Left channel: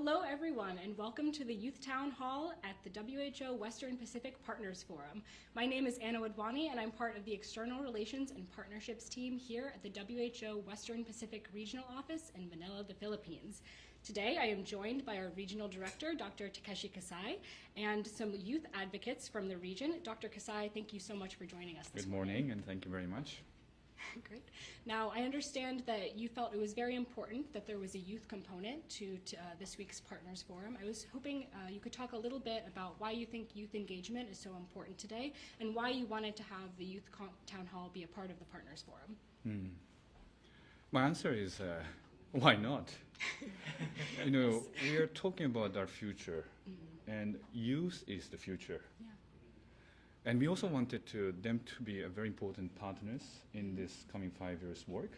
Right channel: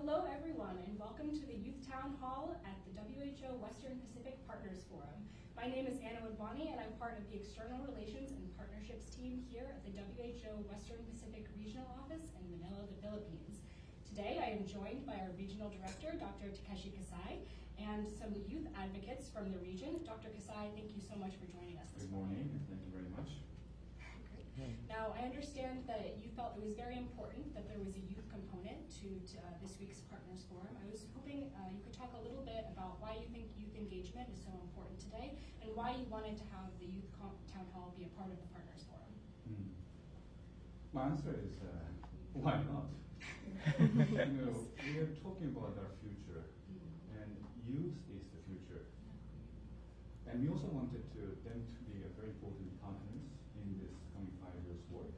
Hello everyone and welcome to the Youth Town Hall at the WHO Western Pacific Partners Forum. My name is Anna Wadwani and I'm part of the External Relations and Partnerships team here at the WHO Western Pacific Regional Office in Manila, the Philippines. Today I am joined by our Regional Director, Dr. Takeshi Kasal, and some youth advocates from the region. Dr. Kasal, thank you so much for joining us this morning and thank you very much. Great. Now, I understand that you felt it was very important that there was a youth component to this week's Partners Forum. I was hoping you could talk a little bit about why you think youth engagement is so important today and why you wanted to have the Youth Town Hall be a part of the Partners Forum. My answer is, why not? We are talking about our future, and youth is the future. And we also wanted them to be a very important partners in this coming 5 years work.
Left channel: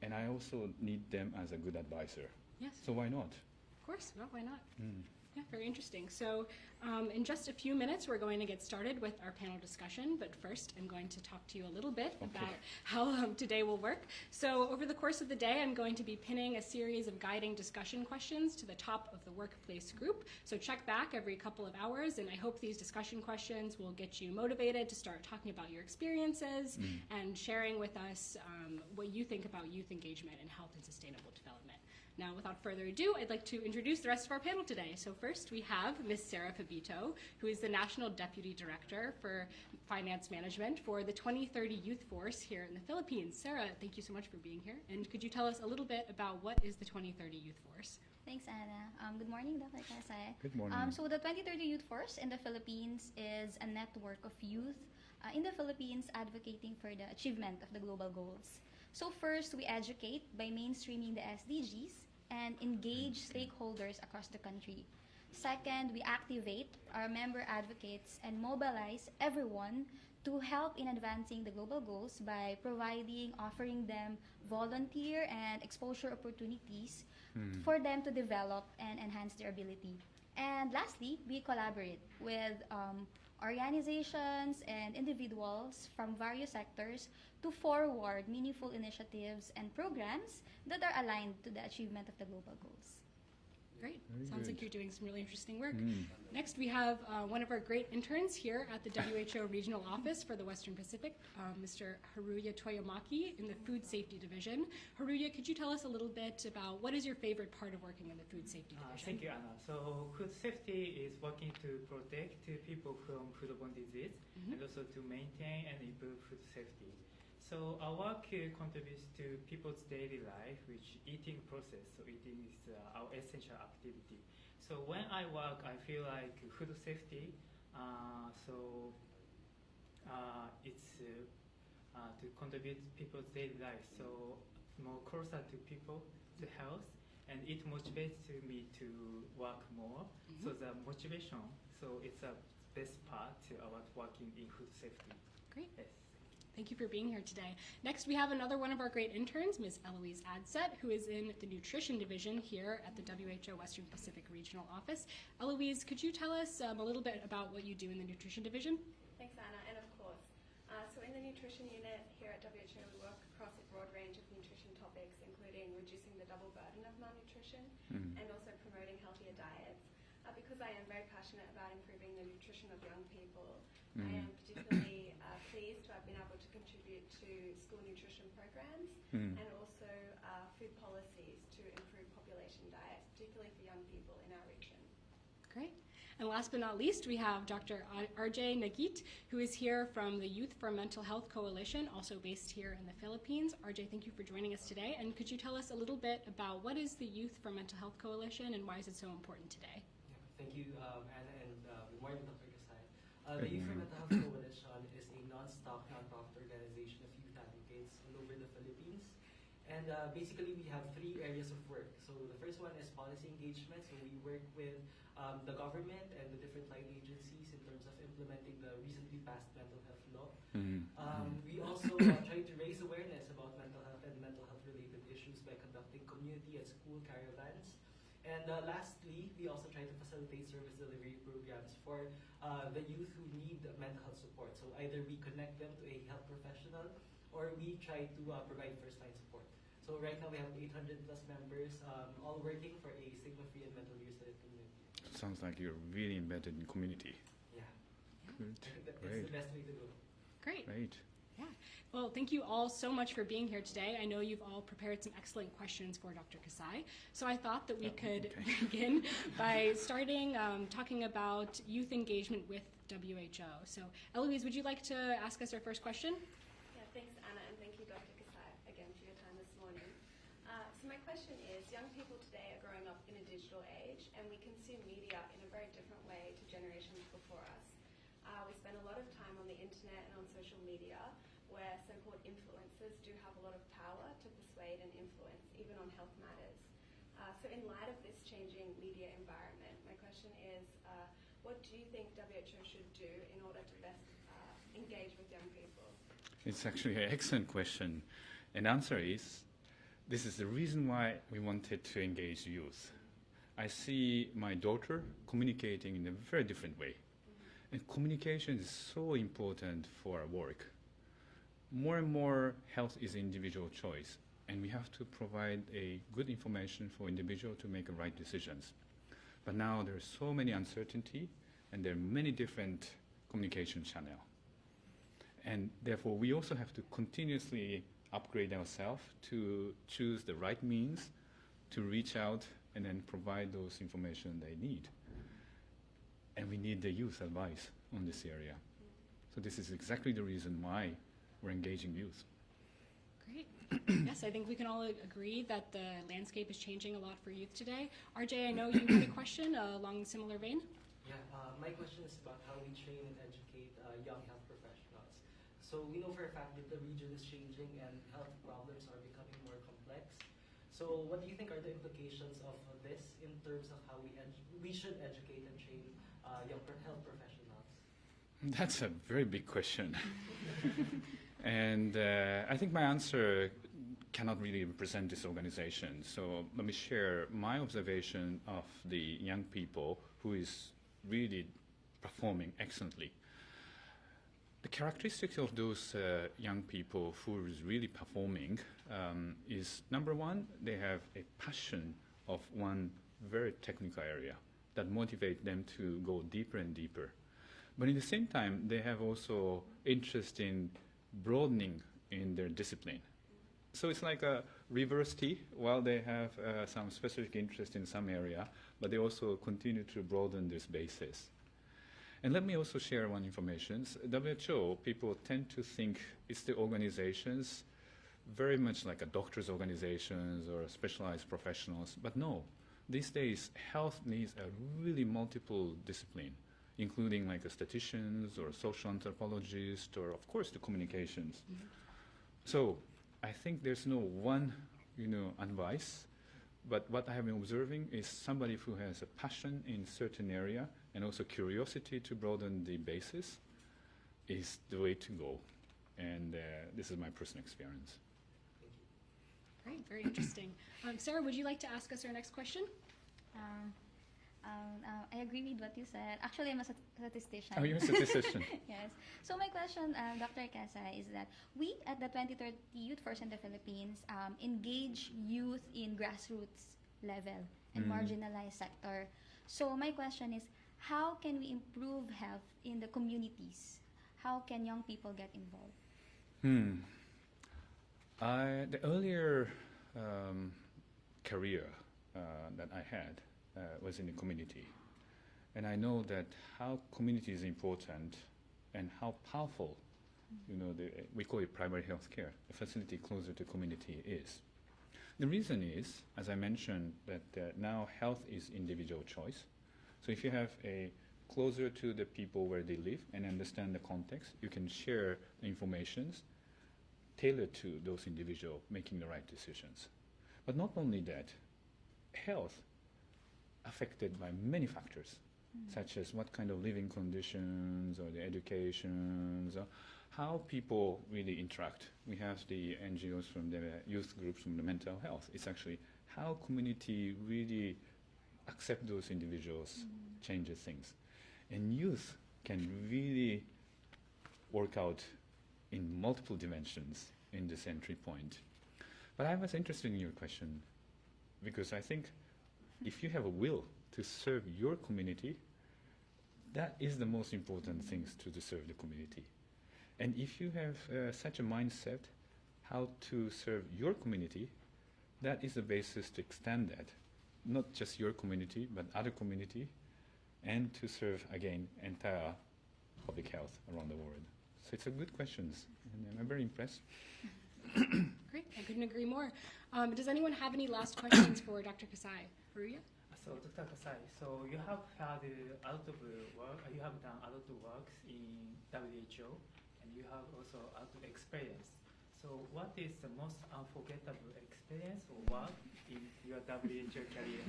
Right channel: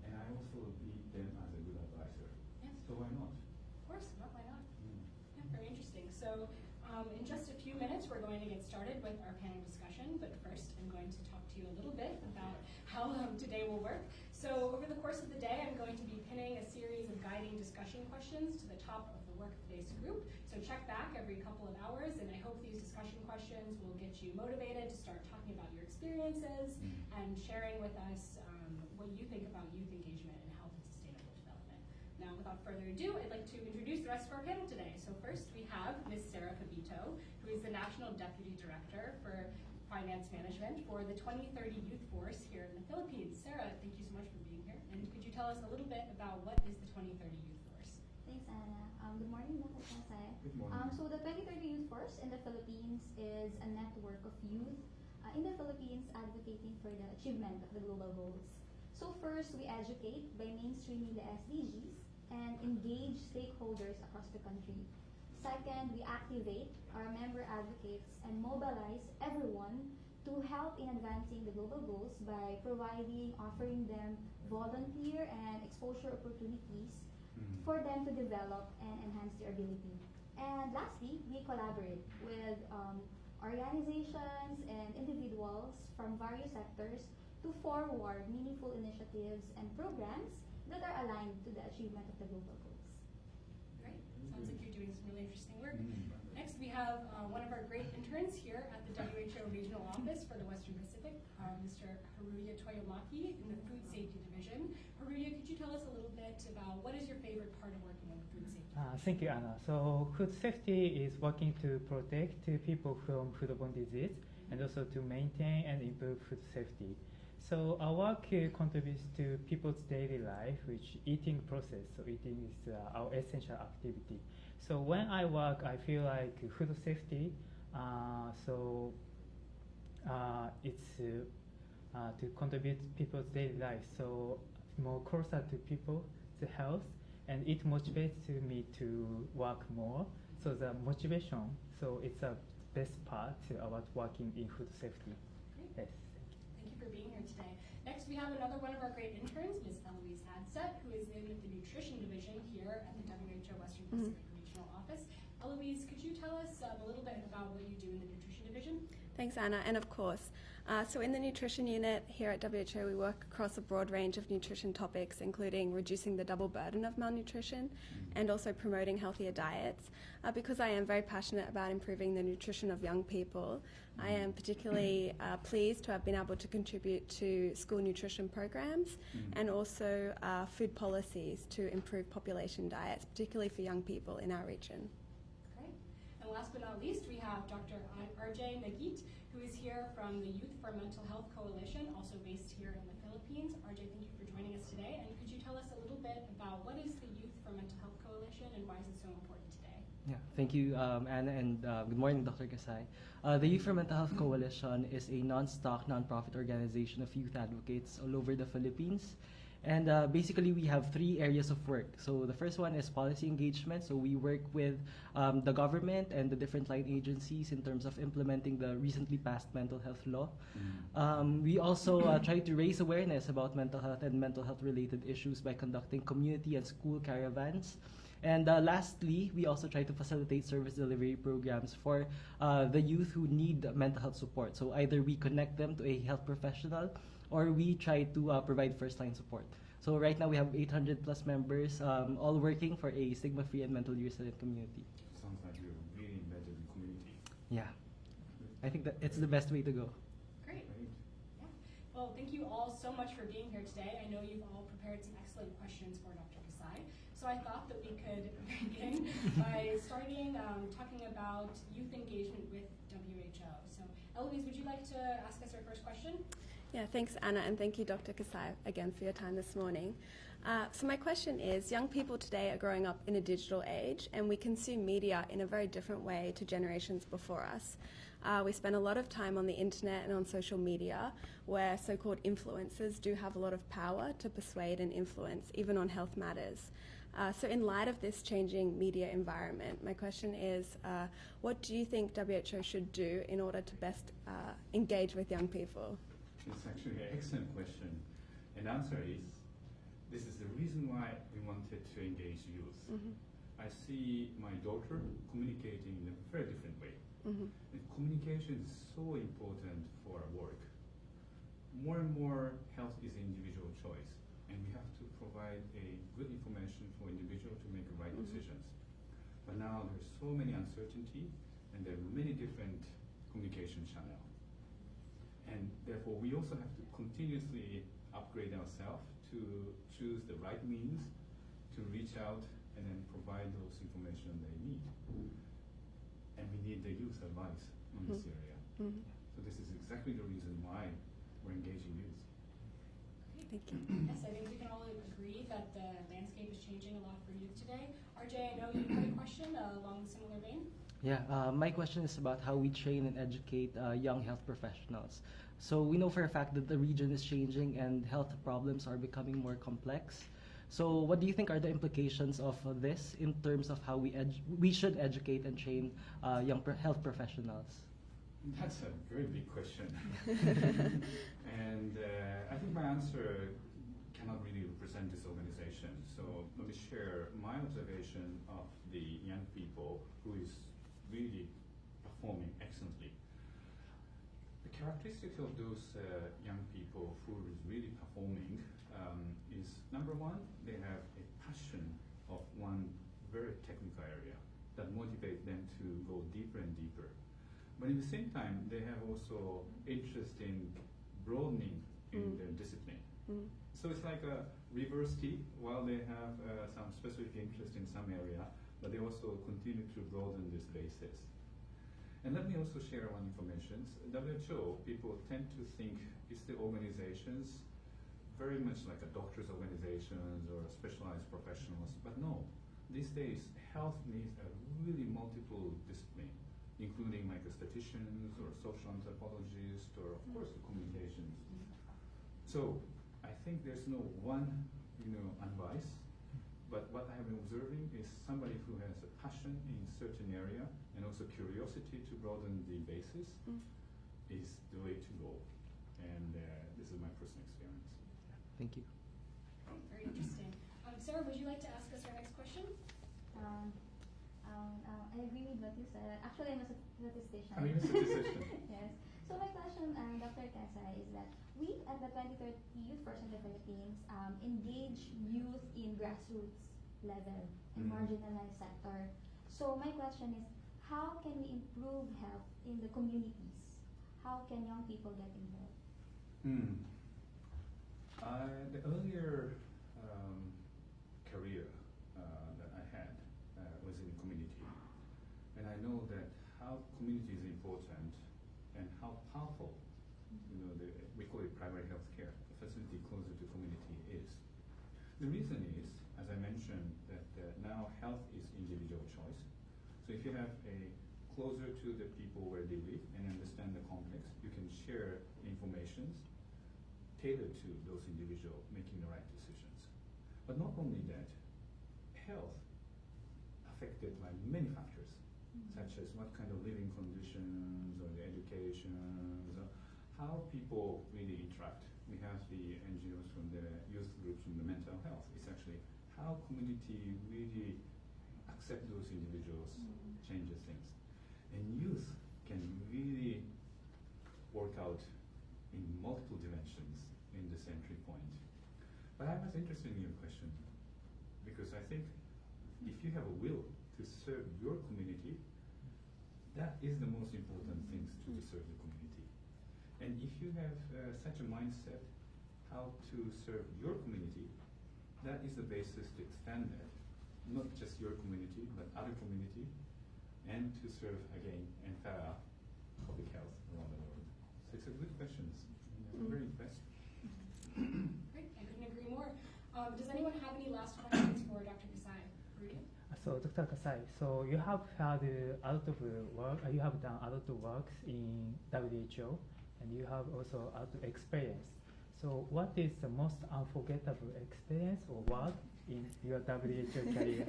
And I also need them as a good advisor. Yes. So why not? Of course, well, why not? Yeah, very interesting. So in just a few minutes, we're going to get started with our panel discussion. But first, I'm going to talk to you a little bit about how today will work. So over the course of the day, I'm going to be pinning a series of guiding discussion questions to the top of the workplace group. So check back every couple of hours, and I hope these discussion questions will get you motivated to start talking about your experiences and sharing with us what you think about youth engagement and health and sustainable development. Now, without further ado, I'd like to introduce the rest of our panel today. So first, we have Ms. Sarah Fabito, who is the National Deputy Director for Finance Management for the 2030 Youth Force here in the Philippines. Sarah, thank you so much for being here. And could you tell us a little bit about what is the 2030 Youth Force? Thanks, Anna. Good morning, Dr. Kasay. Good morning. So the 2030 Youth Force in the Philippines is a network of youth in the Philippines advocating for the achievement of the global goals. So first, we educate by mainstreaming the SDGs and engage stakeholders across the country. Second, we activate our member advocates and mobilize everyone to help in advancing the global goals by offering them volunteer and exposure opportunities for them to develop and enhance their ability. And lastly, we collaborate with organizations and individuals from various sectors to forward meaningful initiatives and programs that are aligned to the achievement of the global goals. Great. Sounds like you're doing some really interesting work. Next, we have one of our great interns here at the WHO Regional Office for the Western Pacific, Mr. Haruya Toyomaki in the Food Safety Division. Haruya, could you tell us a little bit about what is your favorite part of working in the Food Safety Division? Thank you, Anna. So food safety is working to protect people from foodborne disease and also to maintain and improve food safety. So our work contributes to people's daily life, which eating process. So eating is our essential activity. So when I work, I feel like food safety. It's to contribute people's daily life. So more closer to people, to health, and it motivates me to work more. So the motivation. So it's a best part about working in food safety. Great. Yes. Thank you for being here today. Next, we have another one of our great interns, Ms. Eloise Adsett, who is in the Nutrition Division here at the WHO Western Pacific Regional Office. Eloise, could you tell us a little bit about what you do in the Nutrition Division? Thanks, Anna, and of course. So in the Nutrition Unit here at WHO, we work across a broad range of nutrition topics, including reducing the double burden of malnutrition and also promoting healthier diets. Because I am very passionate about improving the nutrition of young people, I am particularly pleased to have been able to contribute to school nutrition programs and also food policies to improve population diets, particularly for young people in our region. Great. And last but not least, we have Dr. RJ Naguit, who is here from the Youth for Mental Health Coalition, also based here in the Philippines. RJ, thank you for joining us today. And could you tell us a little bit about what is the Youth for Mental Health Coalition and why is it so important today? Yeah, thank you, Anna, and good morning, Dr. Kasay. The Youth for Mental Health Coalition is a non-stock, non-profit organization of youth advocates all over the Philippines. And basically, we have 3 areas of work. So the first one is policy engagement. So we work with the government and the different line agencies in terms of implementing the recently passed mental health law. We also try to raise awareness about mental health and mental health related issues by conducting community and school caravans. And lastly, we also try to facilitate service delivery programs for the youth who need mental health support. So either we connect them to a health professional or we try to provide first-line support. So right now we have 800 plus members, all working for a stigma-free and mentally resilient community. Sounds like you're really embedded in community. Yeah, Good. I think that it's Great. the best way to go. Great. Great. Yeah. Well, thank you all so much for being here today. I know you've all prepared some excellent questions for Dr. Kasai. So I thought that we could begin by starting talking about youth engagement with WHO. So Eloise, would you like to ask us our first question? Yeah, thanks, Anna, and thank you, Dr. Kasai, again for your time this morning. So my question is, young people today are growing up in a digital age, and we consume media in a very different way to generations before us. We spend a lot of time on the internet and on social media, where so-called influencers do have a lot of power to persuade and influence, even on health matters. So in light of this changing media environment, my question is, what do you think WHO should do in order to best engage with young people? It's actually an excellent question. And answer is, this is the reason why we wanted to engage youth. I see my daughter communicating in a very different way. And communication is so important for our work. More and more, health is individual choice, and we have to provide a good information for individual to make the right decisions. But now there's so many uncertainty, and there are many different communication channels. And therefore, we also have to continuously upgrade ourselves to choose the right means to reach out and then provide those information they need. And we need the youth advice on this area. So this is exactly the reason why we're engaging youth. Great. Yes, I think we can all agree that the landscape is changing a lot for youth today. RJ, I know you had a question along a similar vein. Yeah, my question is about how we train and educate young health professionals. So we know for a fact that the region is changing and health problems are becoming more complex. So what do you think are the implications of this in terms of how we should educate and train young health professionals? That's a very big question. And I think my answer cannot really represent this organization. So let me share my observation of the young people who is really performing excellently. The characteristics of those young people who is really performing is, number one, they have a passion of one very technical area that motivate them to go deeper and deeper. But in the same time, they have also interest in broadening in their discipline. So it's like a reverse T. While they have some specific interest in some area, but they also continue to broaden this basis. And let me also share one information. WHO, people tend to think it's the organizations very much like a doctor's organizations or specialized professionals. But no, these days, health needs a really multiple discipline, including like a statisticians or social anthropologist or of course the communications. So I think there's no one, advice, but what I have been observing is somebody who has a passion in certain area and also curiosity to broaden the basis is the way to go. And this is my personal experience. Thank you. Great, very interesting. Sarah, would you like to ask us our next question? I agree with what you said. Actually, I'm a statistician. Oh, you're a statistician. Yes. So my question, Dr. Kasai, is that we at the 2030 Youth Force in the Philippines engage youth in grassroots level and marginalized sector. So my question is, how can we improve health in the communities? How can young people get involved? The earlier career that I had was in the community. And I know that how community is important and how powerful, we call it primary health care, a facility closer to community is. The reason is, as I mentioned, that now health is individual choice. So if you have a closer to the people where they live and understand the context, you can share the informations tailored to those individuals making the right decisions. But not only that, health affected by many factors, such as what kind of living conditions or the educations, or how people really interact. We have the NGOs from the youth groups from the mental health. It's actually how community really accept those individuals, changes things. And youth can really work out in multiple dimensions in this entry point. But I was interested in your question because I think if you have a will to serve your community, that is the most important things to serve the community. And if you have such a mindset how to serve your community, that is the basis to extend that, not just your community, but other community, and to serve, again, entire public health around the world. So it's a good questions. I'm very impressed. Great, I couldn't agree more. Does anyone have any last questions for Dr. Kasai? Haruya? So, Dr. Kasai, so you have had a lot of work, you have done a lot of works in WHO, and you have also a lot of experience. So, what is the most unforgettable experience or work in your WHO career?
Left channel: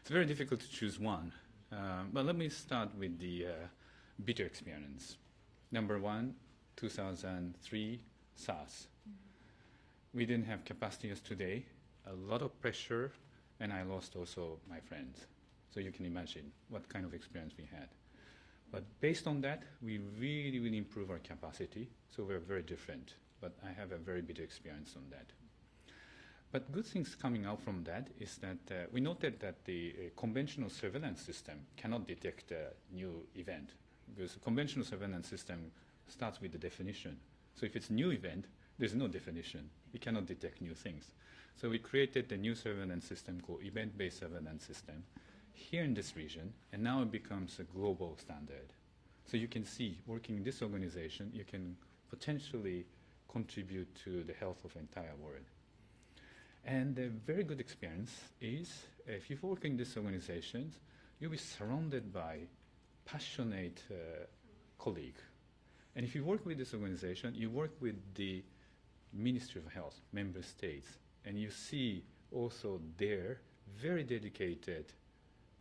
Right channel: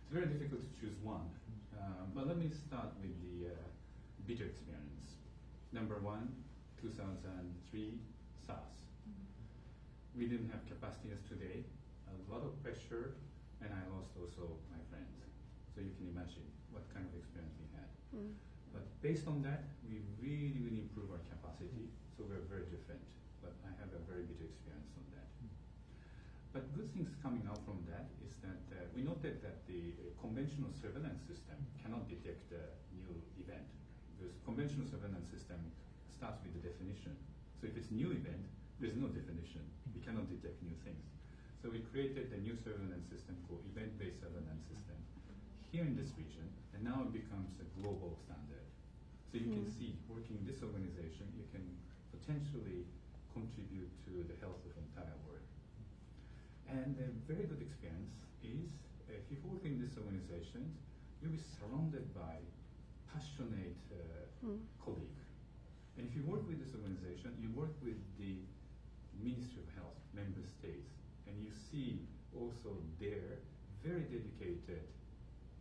It's very difficult to choose one, but let me start with the bitter experience. Number one, 2003 SARS. We didn't have capacity as today, a lot of pressure, and I lost also my friends. So you can imagine what kind of experience we had. But based on that, we really, really improved our capacity, so we're very different. But I have a very bitter experience on that. But good things coming out from that is that we noted that the conventional surveillance system cannot detect a new event, because conventional surveillance system starts with the definition. So if it's a new event, there's no definition. We cannot detect new things. So we created a new surveillance system called event-based surveillance system here in this region, and now it becomes a global standard. So you can see, working in this organization, you can potentially contribute to the health of entire world. And a very good experience is, if you work in these organizations, you'll be surrounded by passionate colleagues. And if you work with this organization, you work with the Ministry of Health, member states, and you see also their very dedicated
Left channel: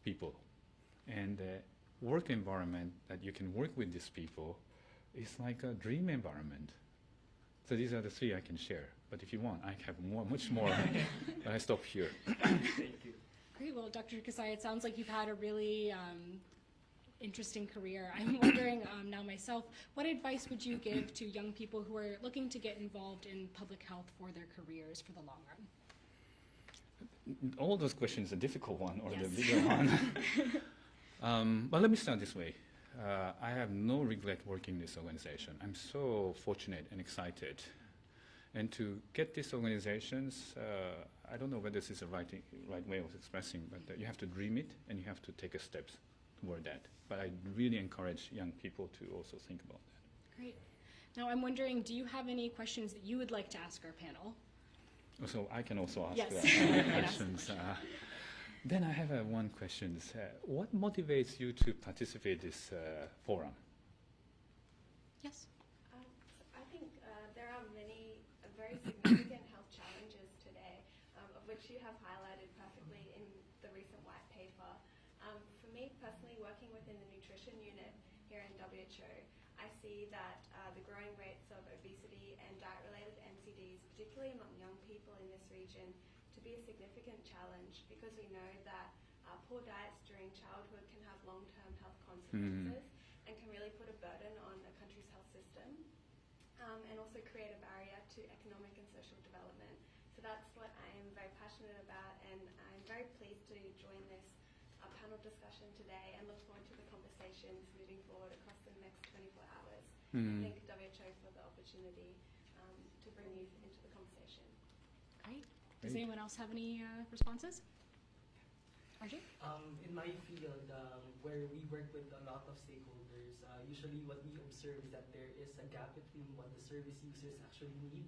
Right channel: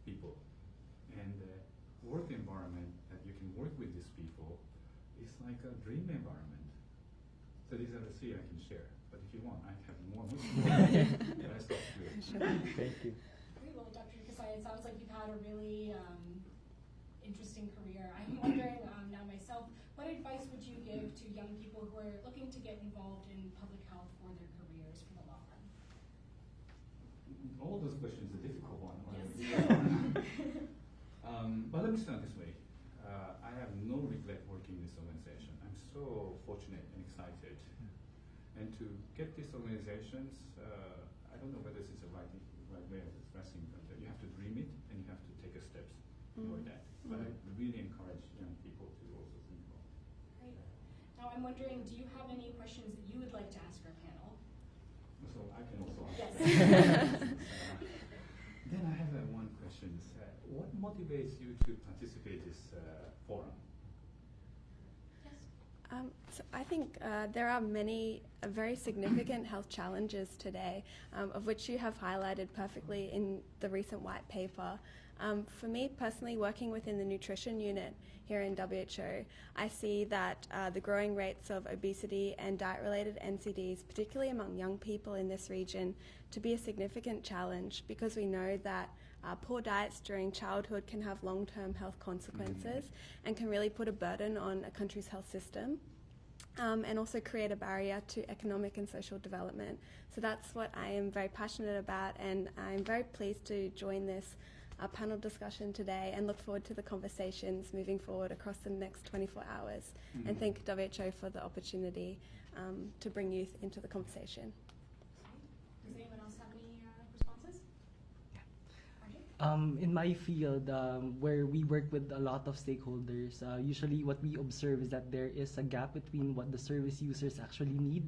people. And the work environment that you can work with these people is like a dream environment. So these are the three I can share. But if you want, I have much more. But I stop here. Thank you. Great. Well, Dr. Kasai, it sounds like you've had a really interesting career. I'm wondering now myself, what advice would you give to young people who are looking to get involved in public health for their careers for the long run? All those questions are difficult one or Yes. the bigger one. But let me start this way. I have no regret working in this organization. I'm so fortunate and excited. And to get these organizations, I don't know whether this is the right way of expressing, but you have to dream it and you have to take a steps toward that. But I really encourage young people to also think about that. Great. Now I'm wondering, do you have any questions that you would like to ask our panel? So I can also ask Yes. questions. Then I have one question. What motivates you to participate in this forum? Yes. So I think there are many very significant health challenges today, of which you have highlighted perfectly in the recent white paper. For me personally, working within the nutrition unit here in WHO, I see that the growing rates of obesity and diet-related NCDs, particularly among young people in this region, to be a significant challenge, because we know that poor diets during childhood can have long-term health consequences and can really put a burden on a country's health system, and also create a barrier to economic and social development. So that's what I am very passionate about, and I'm very pleased to join this panel discussion today and look forward to the conversations moving forward across the next 24 hours. And thank WHO for the opportunity to bring youth into the conversation. Great. Does anyone else have any responses? RJ? In my field, where we work with a lot of stakeholders, usually what we observe is that there is a gap between what the service users actually need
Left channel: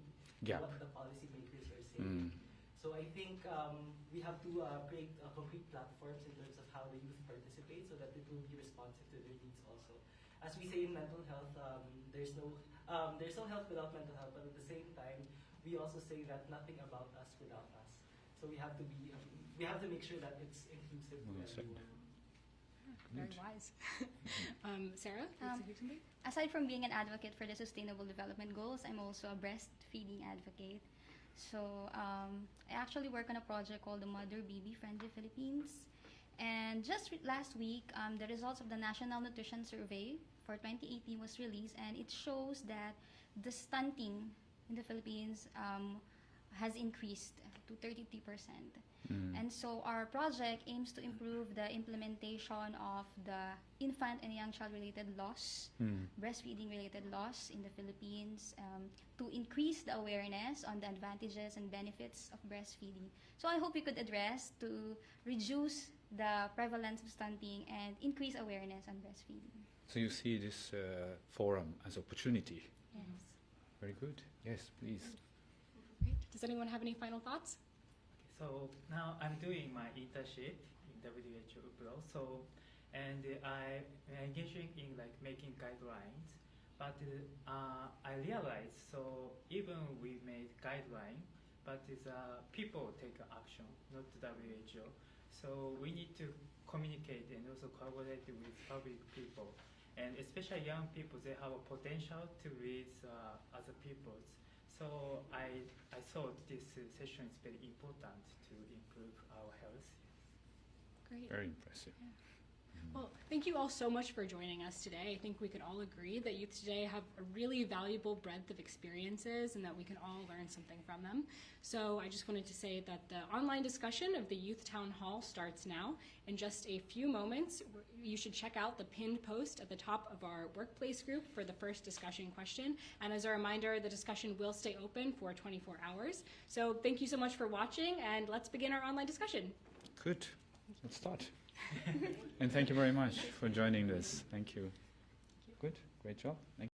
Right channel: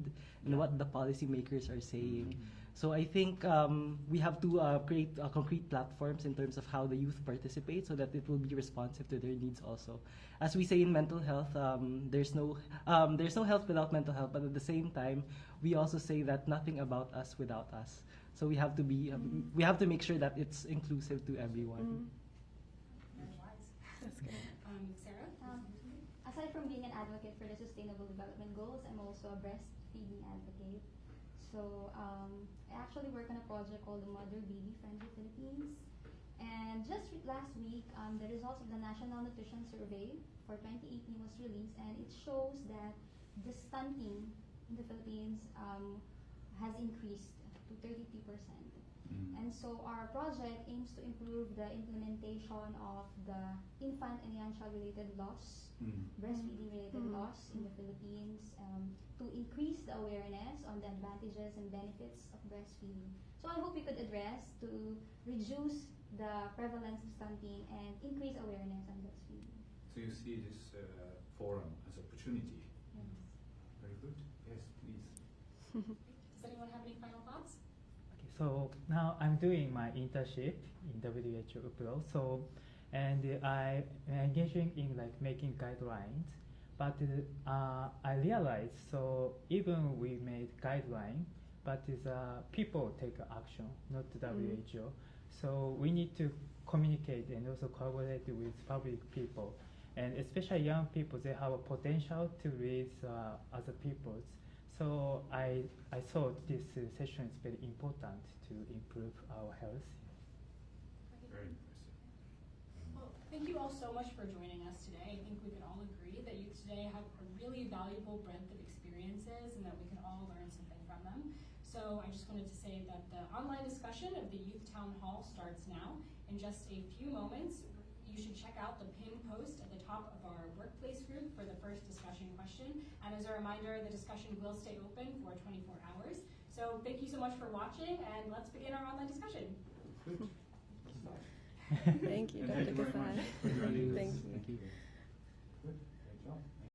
and what the policymakers are saying. So I think we have to create concrete platforms in terms of how the youth participate, so that it will be responsive to their needs also. As we say in mental health, there's no health without mental health, but at the same time, we also say that nothing about us without us. So we have to be we have to make sure that it's inclusive to everyone. Very wise. Sarah, you want to say something? Aside from being an advocate for the Sustainable Development Goals, I'm also a breastfeeding advocate. So I actually work on a project called the Mother Baby Friendly Philippines. And just last week, the results of the National Nutrition Survey for 2018 was released, and it shows that the stunting in the Philippines has increased to 33%. And so our project aims to improve the implementation of the infant and young child related laws, breastfeeding related laws in the Philippines, to increase the awareness on the advantages and benefits of breastfeeding. So I hope we could address to reduce the prevalence of stunting and increase awareness on breastfeeding. So you see this forum as opportunity. Yes. Very good. Yes, please. Great. Does anyone have any final thoughts? So now I'm doing my internship in WHO abroad. So, and I'm engaging in like making guidelines. But I realized so even we made guideline, but people take action, not the WHO. So we need to communicate and also collaborate with public people, and especially young people. They have a potential to raise other peoples. So I thought this session is very important to improve our health. Great. Very impressive. Well, thank you all so much for joining us today. I think we can all agree that youth today have a really valuable breadth of experiences and that we can all learn something from them. So I just wanted to say that the online discussion of the Youth Town Hall starts now. In just a few moments, you should check out the pinned post at the top of our workplace group for the first discussion question. And as a reminder, the discussion will stay open for 24 hours. So thank you so much for watching, and let's begin our online discussion. Good. Let's start. Thank you. And thank you very much for joining Thank us. you. Thank you. Good. Great job. Thank you.